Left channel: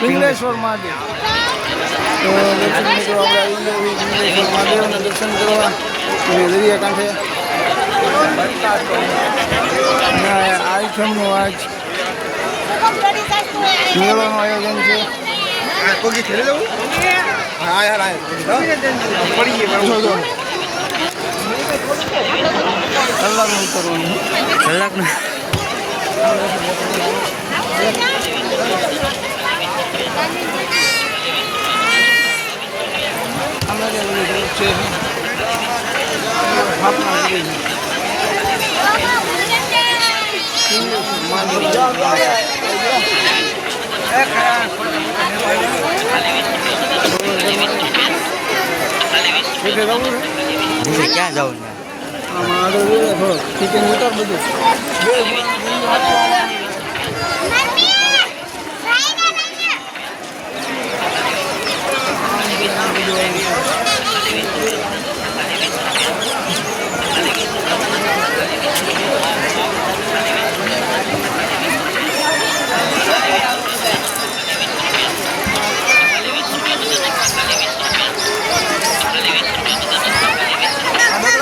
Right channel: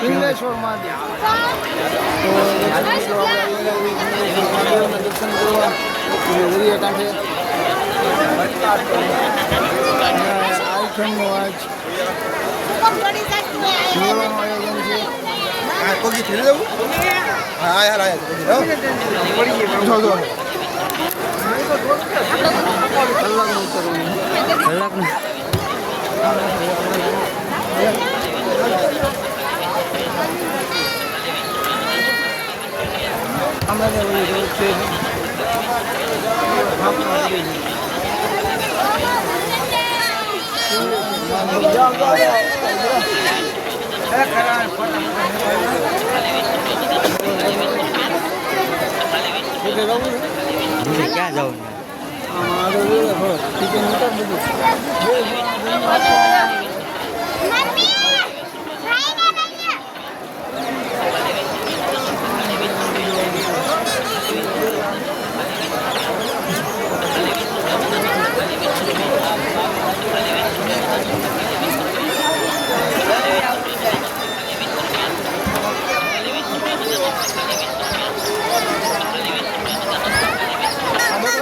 પિંગલેશ્વર મહાદેવ દર્શન કરવા દરિયા કાંઠે આઈટમનું આજ મેળાનું આયોજન છે. કોકી ફેરી જવું? હા યાર કલાકનું ક્યાં જવું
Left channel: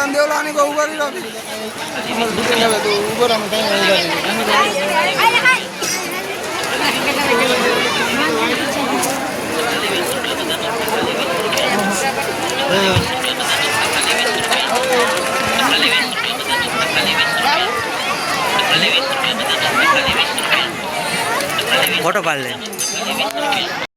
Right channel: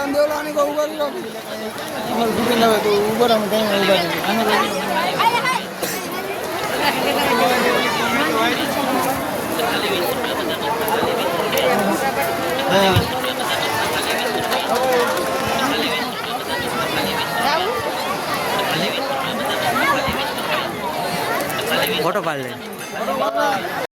દેવલાની કો ઉભા રહ્યો અમાર ફિટિંગ આવે તો ઉભા રહો કઈ ફોટો પાડ લે.